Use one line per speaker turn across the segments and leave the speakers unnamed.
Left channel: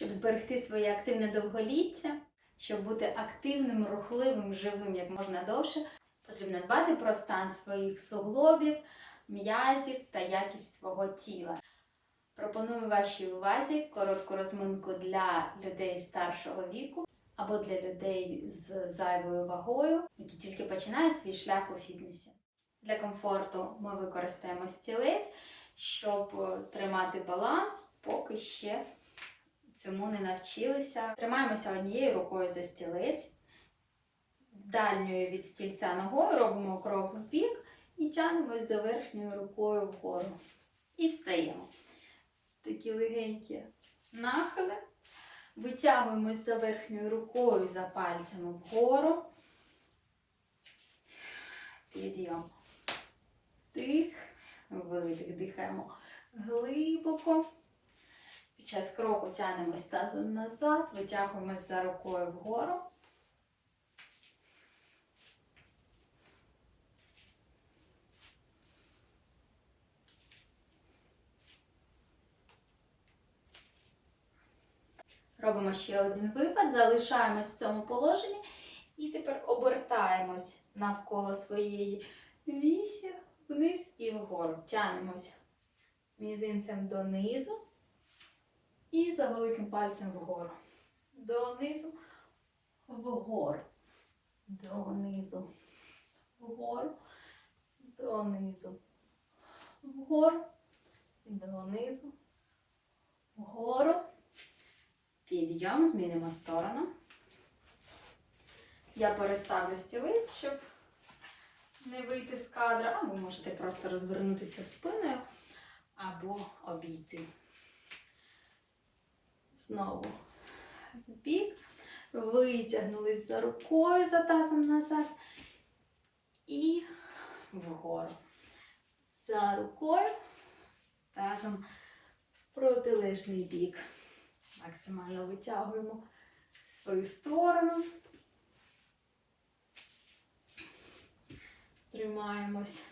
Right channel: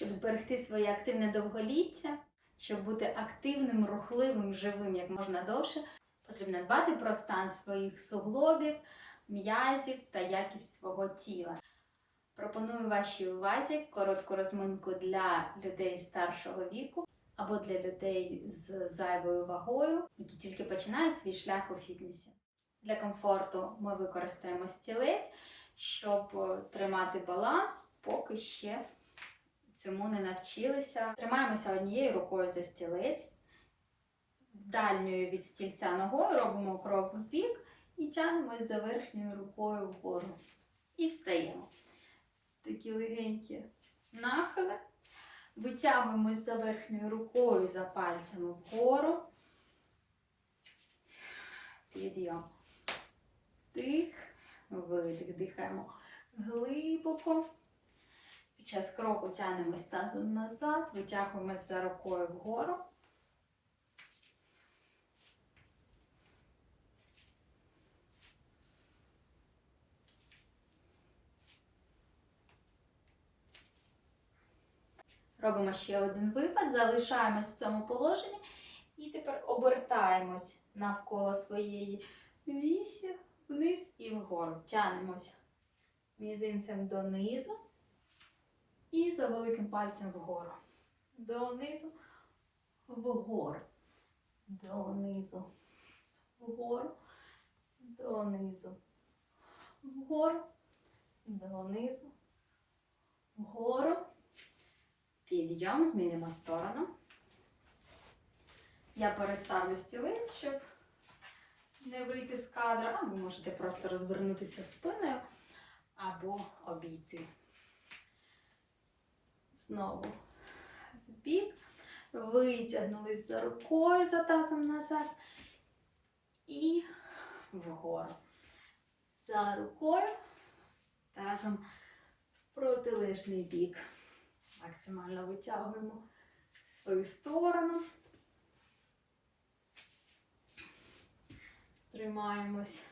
щоб зберегти своє активне довголіття, щоб бути активним, рухливим, живим як можна довше, потрібно дбати про стан своїх суглобів, м'язів та якість свого тіла. Пропоную вашій увазі коротку розминку для людей старшого віку або для людей з зайвою вагою, які тільки починають свій шлях у фітнесі. Для комфорту ми використаємо стілець, щоб тримати баланс, поки ще цьому не навчилися. Тримаємося однією рукою за стілець, дальньою від стільця ногою робимо крок в бік і тягнемось за верхньою рукою вгору. І встаємо. Такі легенькі нахили. Витягуємось за верхньою рукою за пальцями вгору. Підйом. Дих, видих, дихаємо глибоко. Під час кроку тягнемось тазом назад, витягуємось за рукою вгору. Робимо ще один випад, залишаємось в цьому положенні і тепер обертаємось навколо своєї вісі, вниз і вгору. Тянемось мізинцем донизу і за великим пальцем вгору. Донизу, вгору. Донизу, вгору, донизу, вгору, донизу, вгору. Підйом, змінимо сторону. Я переставлю стілець, щоб не вийти з кадра, а ви можете просто розвернутися спиною або обійти. Знову в бік. Витягнулись за рукою, за тазом назад. І вгору. За рукою, тазом в протилежний бік. Максимально витягуємо свою сторону. Тримаємось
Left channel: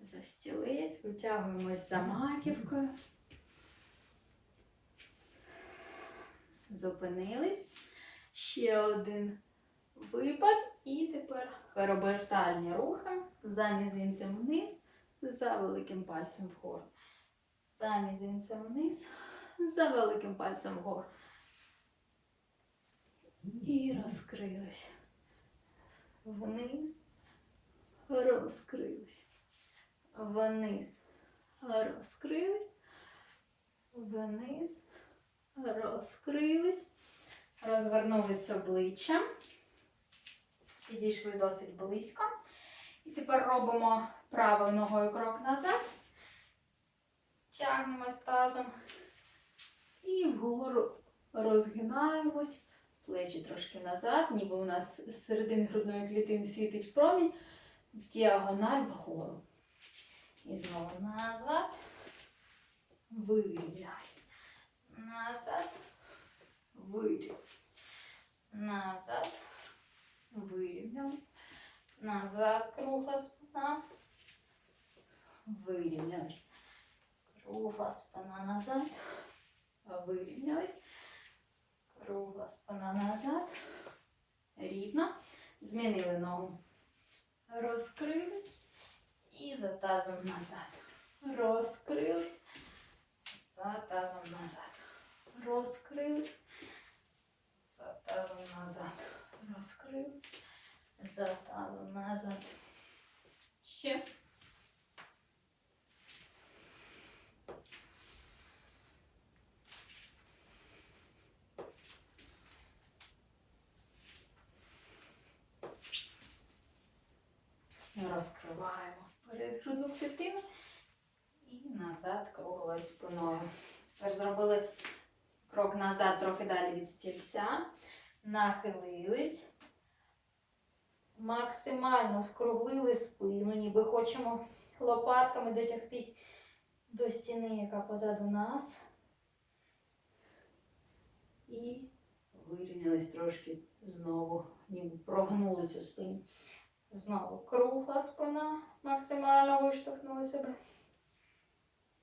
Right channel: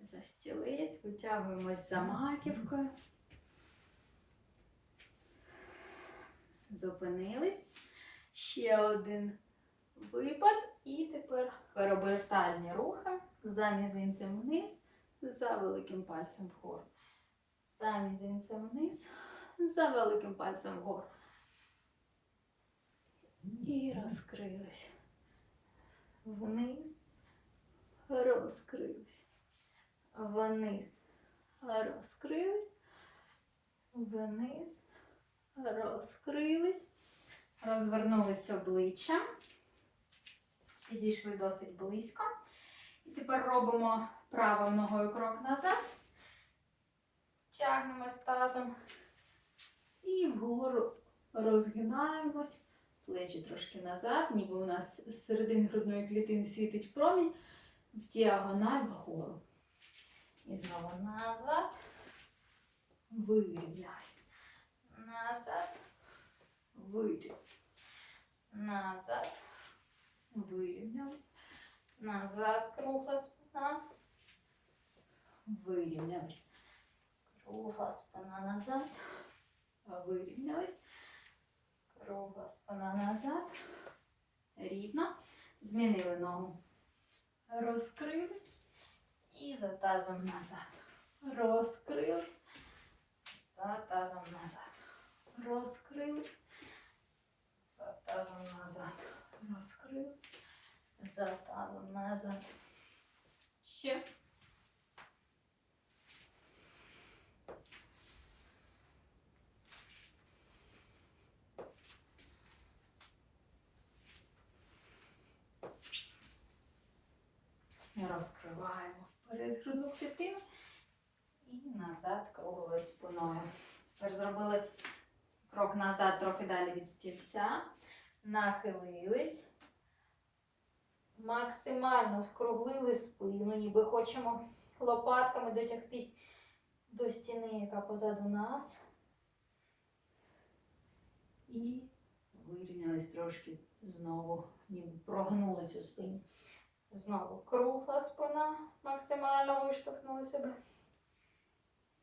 за стілець, витягуємось за маківкою. Зупинились. Ще один випад. І тепер переобертальні рухи за мізинцем вниз, за великим пальцем вгору. За мізинцем вниз, за великим пальцем вгору. І розкрились. Вниз, розкрились. Вниз, розкрились. Вниз, розкрились. Розвернулись обличчям. Підійшли досить близько. І тепер робимо правою ногою крок назад. Тягнемось тазом. І вгору розгинаємось, плечі трошки назад, ніби у нас з середини грудної клітини світить промінь, в діагональ вгору. І знову назад, вирівнялись. Назад, вирівнялись. Назад, вирівнялись. Назад, кругла спина. Вирівнялись. Кругла спина назад. Вирівнялись. Кругла спина назад. Рівно. Змінили ногу. Розкрились. І за тазом назад. Розкрились. За тазом назад. Розкрились. За тазом назад. Розкрились. За тазом назад. Ще. Розкриваємо вперед грудну клітину і назад круглою спиною. Тепер зробили крок назад, трохи далі від стільця. Нахилились. Максимально скруглили спину, ніби хочемо лопатками дотягтись до стіни, яка позаду нас. І вирівнялись трошки знову, ніби прогнулись у спині. Знову кругла спина, максимально виштовхнули себе.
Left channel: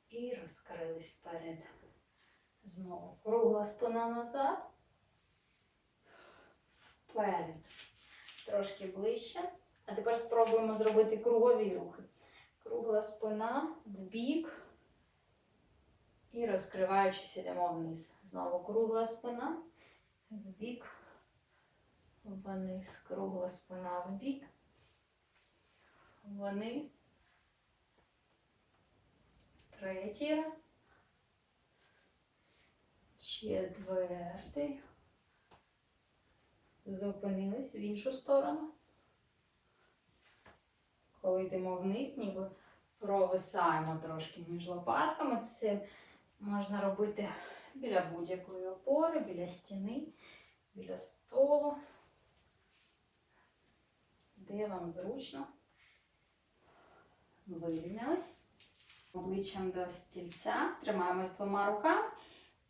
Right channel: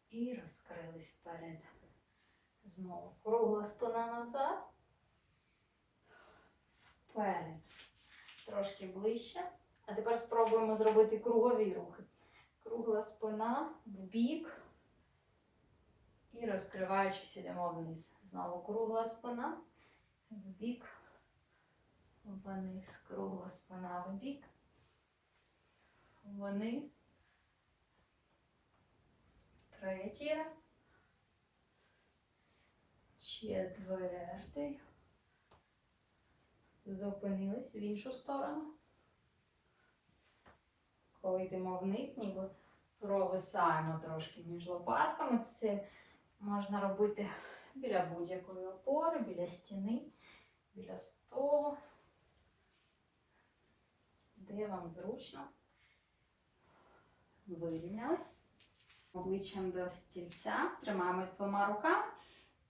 І розкрились вперед. Знову кругла спина назад. Вперед. Трошки ближче. А тепер спробуємо зробити кругові рухи. Кругла спина в бік. І розкриваючись, йдемо вниз. Знову кругла спина в бік. Вниз. Кругла спина в бік. Вниз. Третій раз. Четвертий. Зупинились в іншу сторону. Коли йдемо вниз, ніби провисаємо трошки між лопатками. Це можна робити біля будь-якої опори, біля стіни, біля столу. Де вам зручно. Вирівнялись. Обличчям до стільця. Тримаємось двома руками.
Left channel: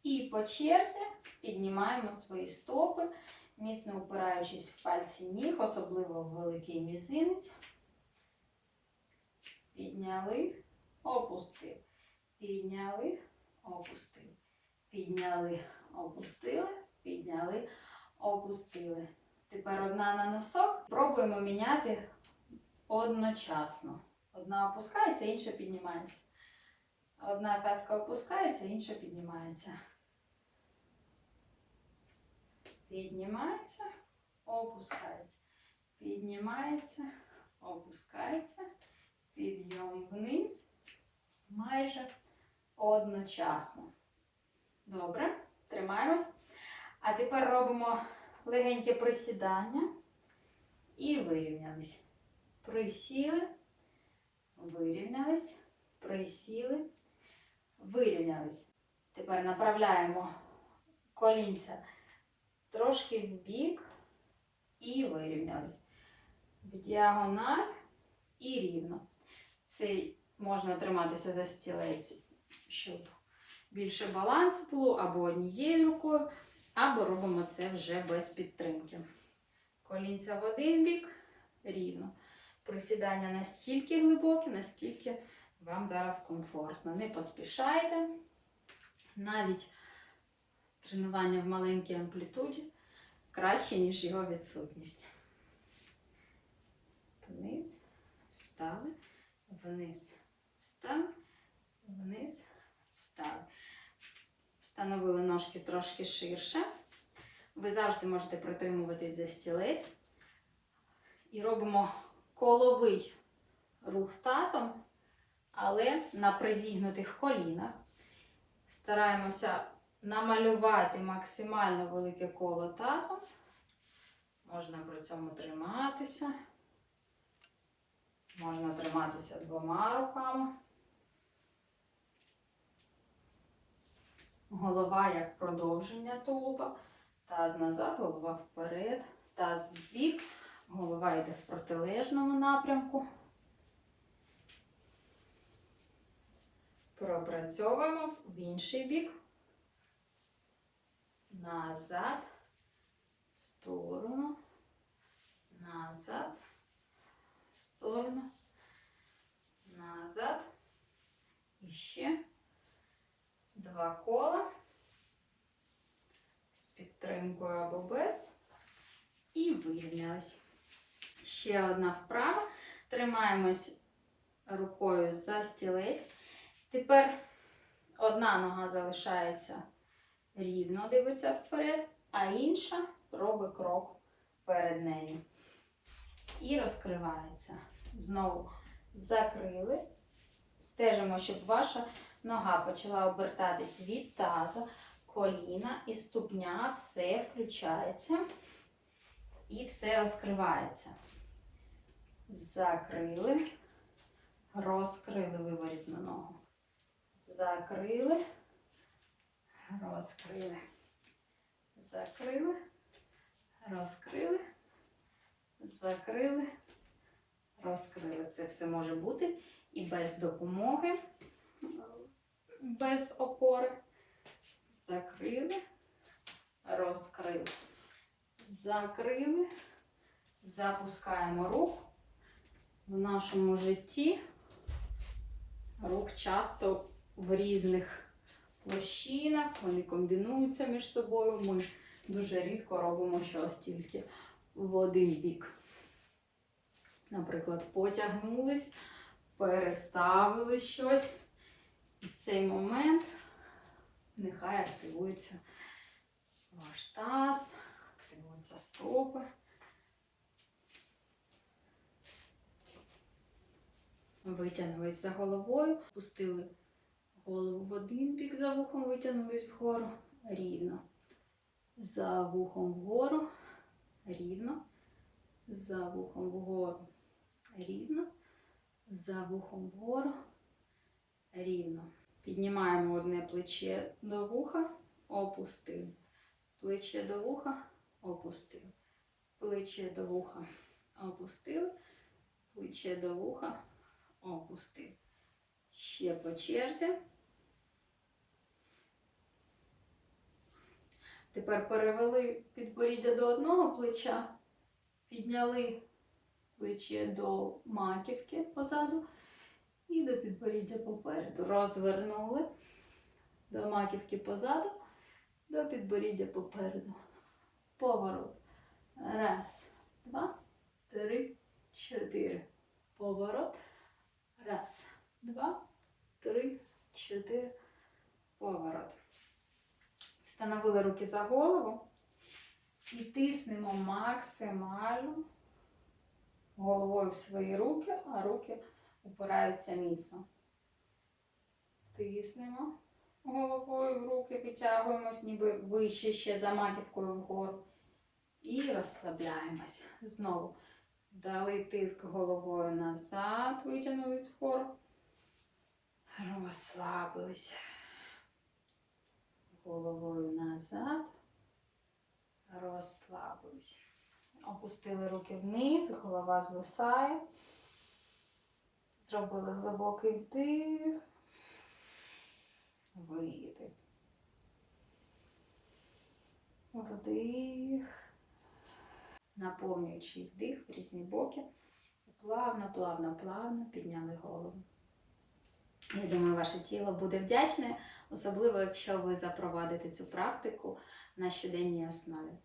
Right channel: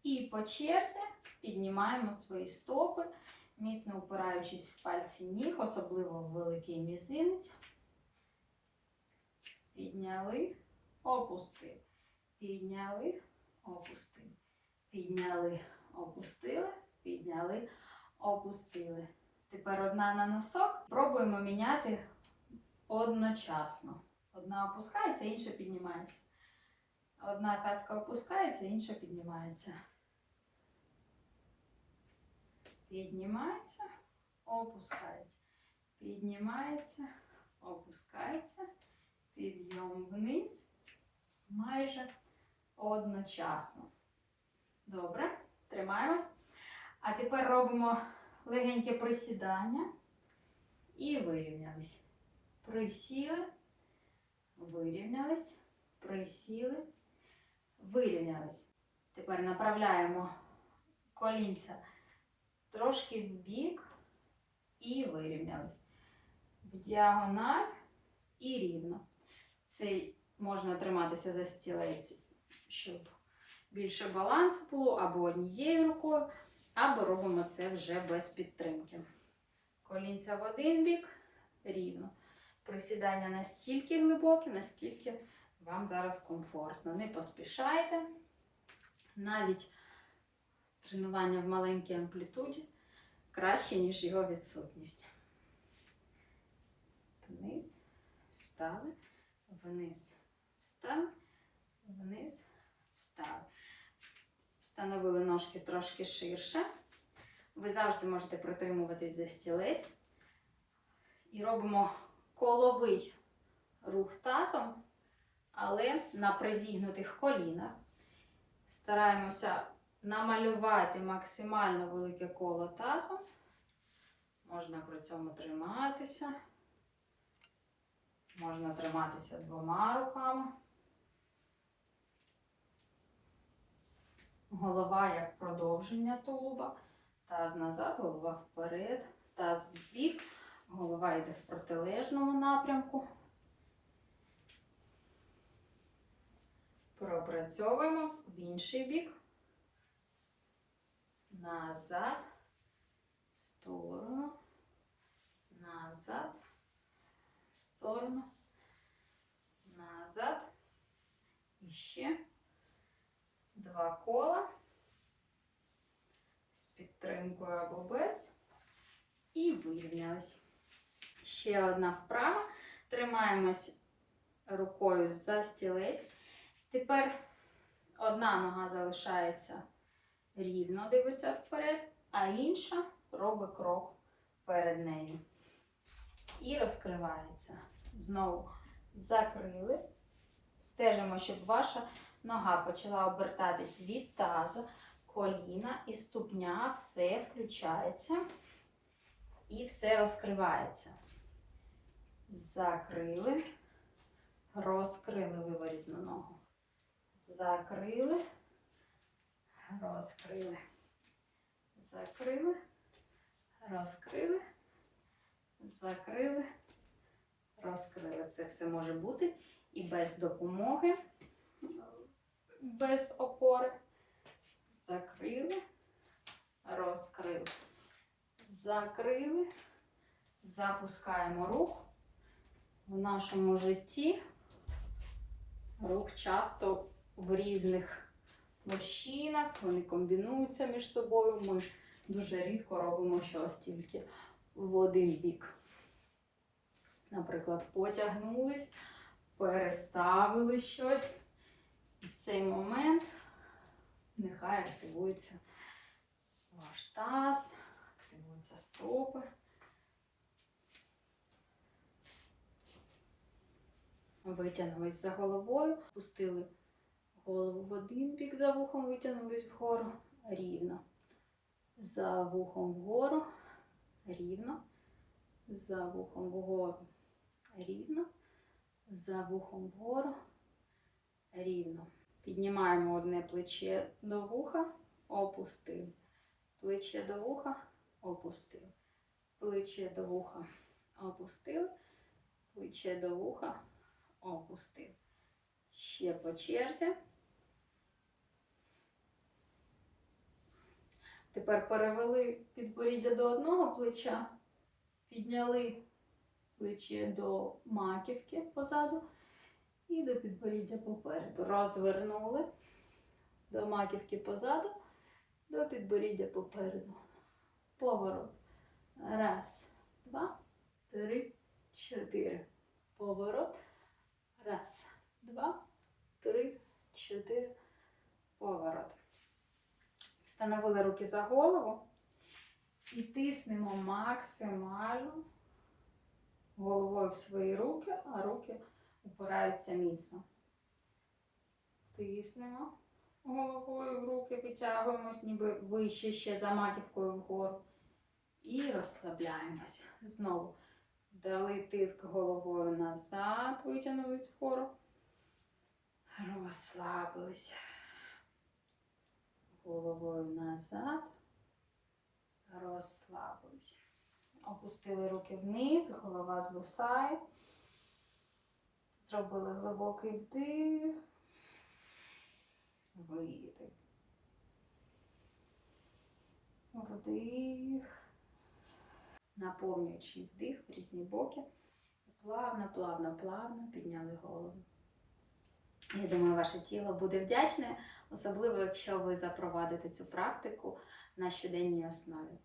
І по черзі піднімаємо свої стопи, міцно упираючись в пальці ніг, особливо в великий мізинець. Підняли, опустили. Підняли, опустили. Підняли, опустили, підняли, опустили. Тепер одна на носок. Пробуємо міняти одночасно. Одна опускається, інша піднімається. Одна п'ятка опускається, інша піднімається. Піднімається, опускається. Піднімається, опускається. Підйом вниз. Майже одночасно. Добре, тримаємось. А тепер робимо легеньке присідання і вирівнялись. Присіли, вирівнялись, присіли, вирівнялись. Тепер направляємо колінця трошки в бік і вирівнялись. В діагональ і рівно. Це можна триматися за стілець, щоб більше балансу було, або однією рукою, або робимо це вже без підтримки. Колінця в один бік рівно. Присідання настільки глибоке, наскільки вам зараз комфортно. Не поспішайте. Навіть тренування в маленькій амплітуді краще, ніж його відсутність. Вниз, встали, вниз, встали, вниз, встали. Встановили ножки трошки ширше. Ви завжди можете притримуватись за стілець. І робимо коловий рух тазом, але на призігнутих колінах. Стараємося намалювати максимально велике коло тазу. Можна при цьому триматися. Можна триматися двома руками. Голова як продовження тулуба. Таз назад, голова вперед, таз в бік. Голова йде в протилежному напрямку. Пропрацьовуємо в інший бік. Назад, в сторону, назад, в сторону, назад. І ще два кола з підтримкою або без. І вирівнялись. Ще одна вправа. Тримаємось рукою за стілець. Тепер одна нога залишається рівно, дивиться вперед, а інша робить крок перед нею. І розкривається. Знову закрили. Стежимо, щоб ваша нога почала обертатись від таза, коліна і ступня, все включається і все розкривається. Закрили, розкрили виворітну ногу. Закрили, розкрили, закрили, розкрили, закрили, розкрили. Це все може бути і без допомоги, без опори. Закрили, розкрили. Закрили, запускаємо рух. В нашому житті рух часто в різних площинах, вони комбінуються між собою. Ми дуже рідко робимо щось тільки в один бік. Наприклад, потягнулись, переставили щось. І в цей момент нехай активується ваш таз, активуються стопи. Витягнулись за головою, пустили голову в один бік за вухом, витягнулись вгору рівно. За вухом вгору, рівно. За вухом вгору, рівно. За вухом вгору, рівно. Піднімаємо одне плече до вуха, опустили. Плече до вуха, опустили. Плече до вуха, опустили. Плече до вуха, опустили. Ще по черзі. Тепер перевели підборіддя до одного плеча, підняли плече до маківки позаду і до підборіддя попереду. Розвернули до маківки позаду, до підборіддя попереду. Поворот. Раз, два, три, чотири. Поворот. Раз, два, три, чотири. Поворот. Встановили руки за голову і тиснемо максимально головою в свої руки, а руки упираються міцно. Тиснемо головою в руки, витягуємось, ніби вище ще за маківкою вгору. І розслабляємось. Знову дали тиск головою назад, витягнулись вгору. Розслабилися. Головою назад. Розслабились. Опустили руки вниз, голова звисає. Зробили глибокий вдих. Видих. Вдих. Наповнюючи вдих в різні боки. Плавно, плавно, плавно підняли голову. Я думаю, ваше тіло буде вдячне, особливо якщо ви запровадите цю практику на щоденній основі.